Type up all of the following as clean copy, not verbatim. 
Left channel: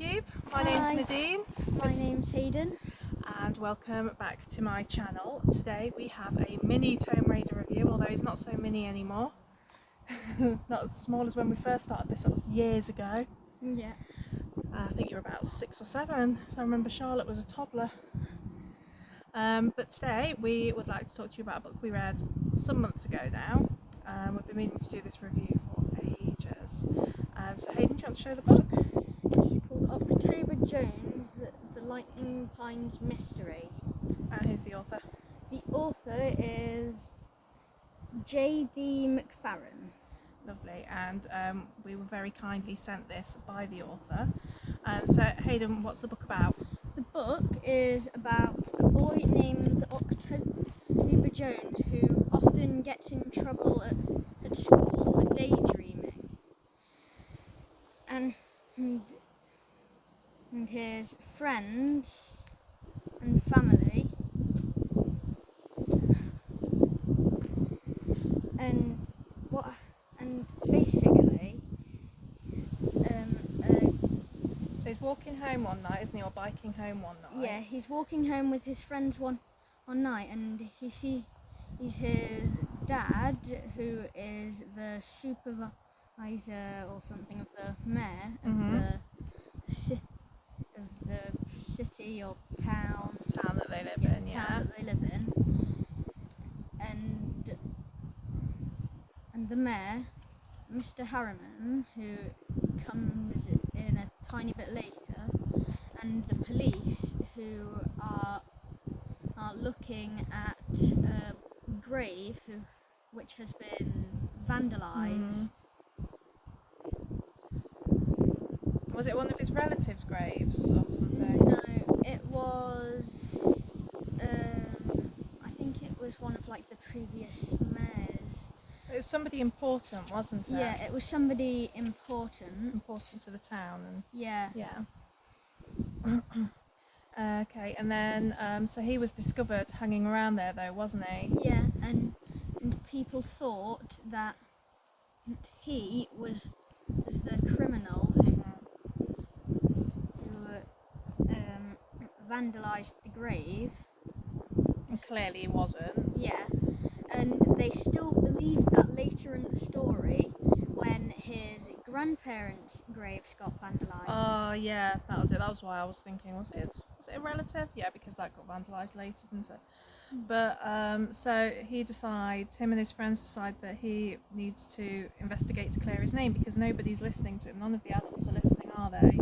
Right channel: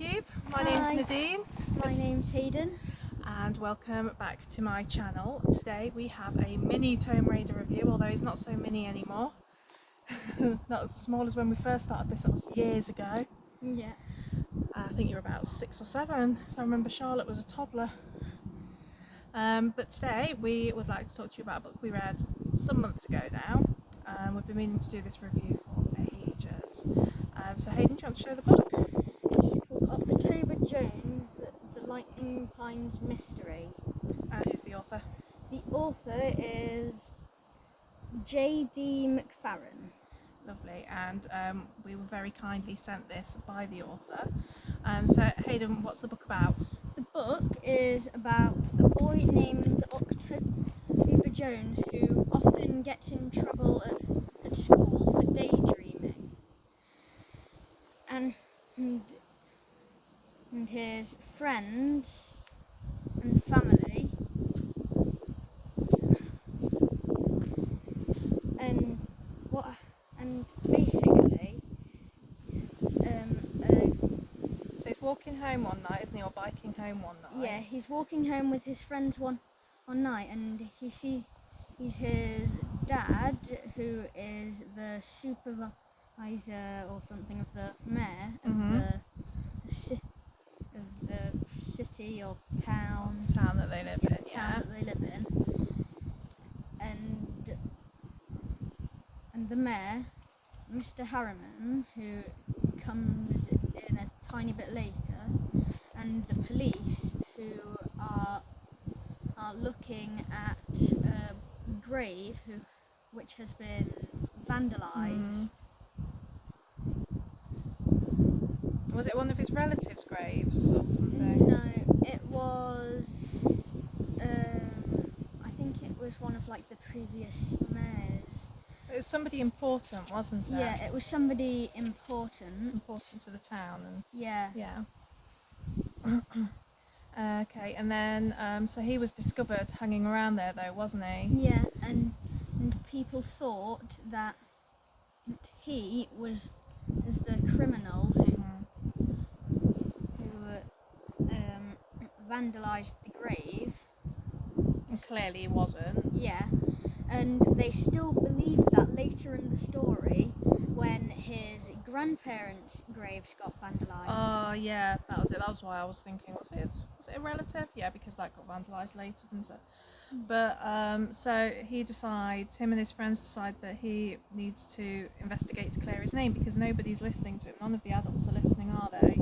YouTube. My Hi. name's Nadine. My name's Hayden. And welcome back to my channel. Today we have a mini Tome Raider review, although he's not so mini anymore. Not as small as when we first started this, that was years ago. Yeah. I think you were about 6 or 7, so I remember Charlotte was a toddler. But today we would like to talk to you about a book we read some months ago now. We've been meaning to do this review for ages. So Hayden, do you want to show the book? It's called October Jones, The Lightning Pines Mystery. And who's the author? The author is J.D. McFarren. Lovely, and we were very kindly sent this by the author. So Hayden, what's the book about? The book is about a boy named October Jones who often gets in trouble at school for daydreaming. And his friends and family and basically So he's walking home one night, isn't he, or biking home one night? yeah, he's walking home with his friends one night, and he sees his dad, who is the supervisor or something of the mayor of the city or town That they live in. that they live in, and the mayor, Mr. Harriman, who comes in a tiny bit later, and the police, who are looking at a grave which has been vandalised. Was it one of his relatives' graves or something? No, it was. I think it was one of like the previous mayors. It was somebody important, wasn't it? Yeah, it was somebody important. Important to the town, and Yeah. Okay, and then so he was discovered hanging around there, though, wasn't he? Yeah, and people thought that he was the criminal who vandalised the grave. And clearly he wasn't. Yeah, and they still believed that later in the story when his grandparents' graves got vandalised. Oh yeah, that was it. That was why I was thinking, was it a relative? Yeah, because that got vandalised later, didn't it? But so him and his friends decide that he needs to investigate to clear his name because nobody's listening to him. None of the adults are listening, are they?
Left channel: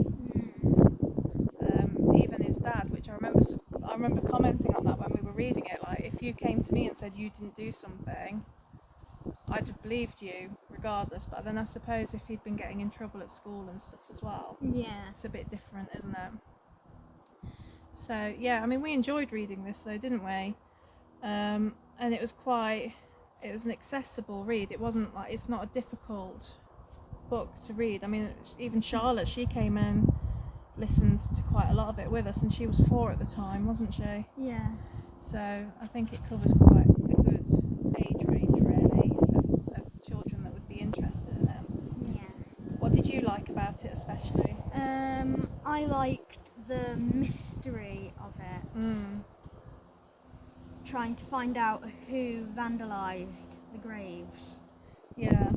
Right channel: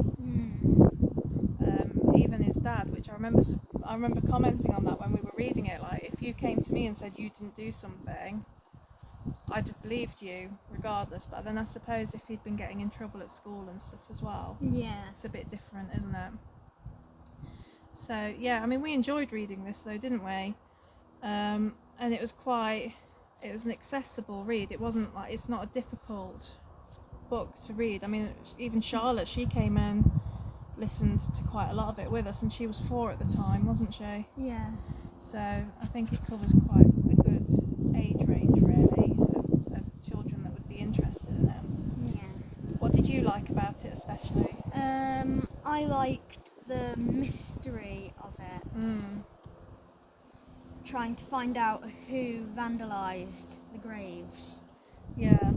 Even his dad, which I remember commenting on that when we were reading it. Like, if you came to me and said you didn't do something, I'd have believed you regardless. But then I suppose if he'd been getting in trouble at school and stuff as well, it's a bit different, isn't it? So yeah, I mean, we enjoyed reading this though, didn't we? And it was an accessible read. It wasn't like, it's not a difficult book to read. I mean, even Charlotte, she came in, listened to quite a lot of it with us, and she was 4 at the time, wasn't she? Yeah. So I think it covers quite a good age range, really, of children that would be interested in it. Yeah. What did you like about it especially? I liked the mystery of it. Trying to find out who vandalised the graves. Yeah.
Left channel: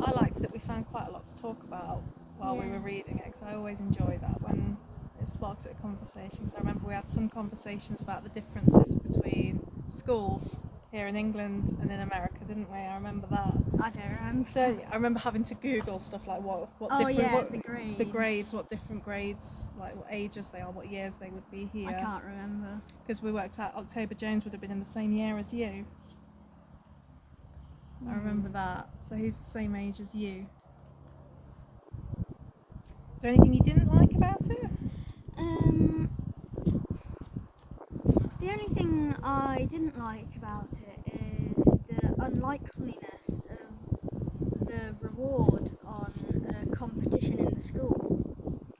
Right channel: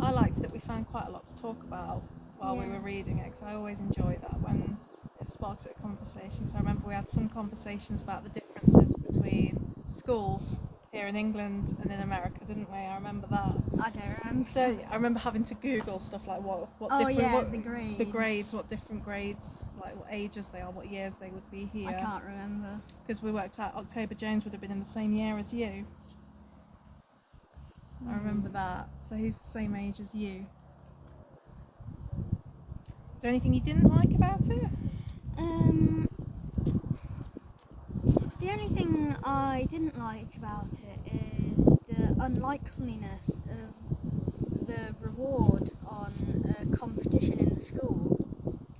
I liked that we found quite a lot to talk about while we were reading it, because I always enjoy that when it sparks a conversation. So I remember we had some conversations about the differences between schools here in England and in America, didn't we? I remember that. I don't remember. So I remember having to Google stuff like the grades, what different grades, like what ages they are, what years they would be here. I can't remember. Because we worked out October Jones would have been in the same year as you. I remember that. So he's the same age as you. Is there anything you didn't like about it? The only thing I didn't like about it is the unlikeliness of the reward on a competition in the school.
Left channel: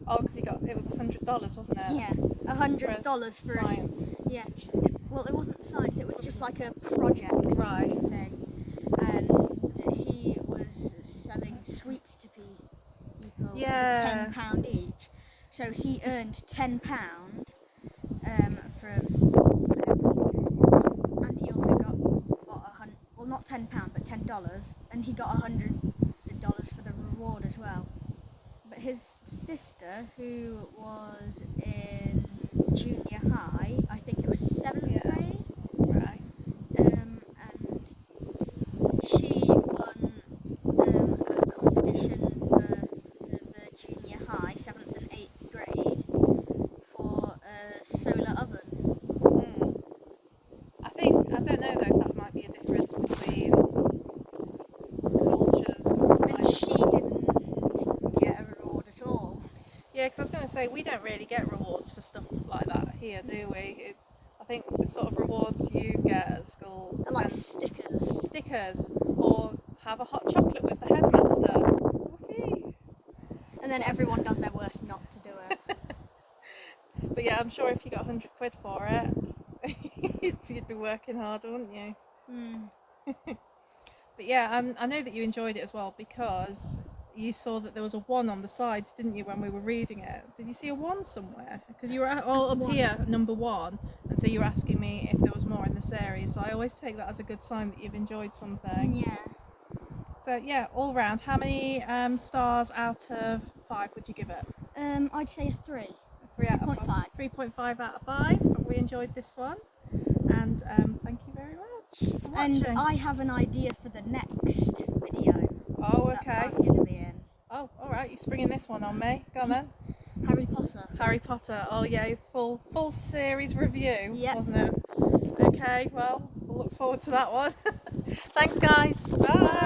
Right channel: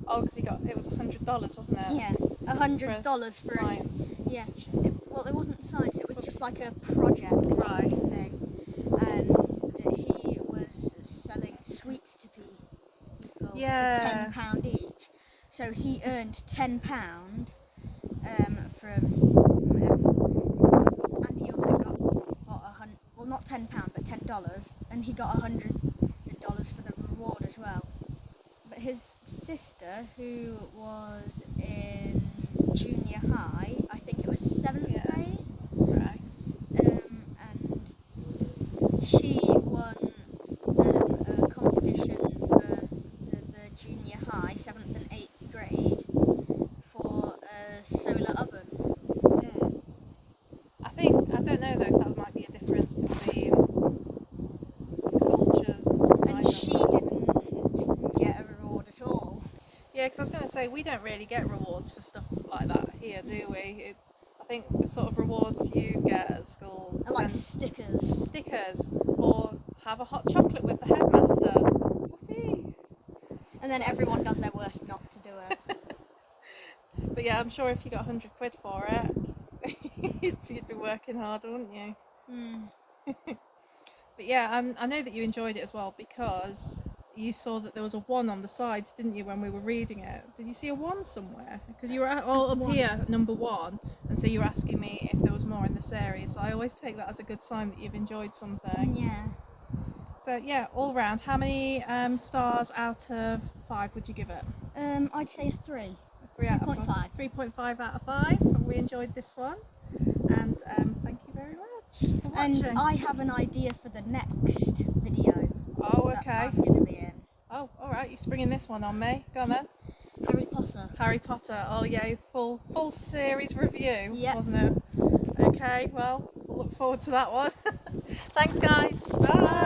Oh, because it was $100, wasn't it? Yeah, $100 for science. Yeah, it wasn't science. It was just like a project thing, and he was selling sweets to people. Yeah. for £10 each. So he earned £10 from, and he also got not £10, but $10, and he got $100 for the reward as well. But his sister, who was in junior high, I think it was 7th grade, Right. and she won a competition for the junior high, 7th and 8th grade, for a solar oven. I don't know though if that might be a difference between cultures. And she didn't get a reward at all. Yeah, because I was going to say, we don't really get rewards for stuff like that here, do we? I think the sort of rewards you get at school Like stickers. or have a hot chocolate with the headmaster. Whoopee! And then everyone does their worst not to do it. But yeah, I'm sure if you got £100 for it, you'd be working hard, wouldn't you? But yeah, I know that you enjoyed it as well because you saw that there was a 1 on the side, didn't you, when we were reading it? Did you see a 1 somewhere? Because you were all up here, number 1, and so you were asking me if there was more in the series. So I always take that as a good sign that you've enjoyed something. Yeah. So yeah, all round, how many stars out of 5 would you give it? I'd say a 3. 3.5. 3.5 out of 5. We enjoyed this one, and thank you very much for watching. And I have an idea for the next video. Oh, That okay. I'm going to be in. Oh, all right. You're springing this one on me. Go on then. Harry Potter. Harry Potter. Oh yeah, full series review, Yep. wasn't it? Okay. Well, we'll look forward to that one. Thanks, guys. Bye.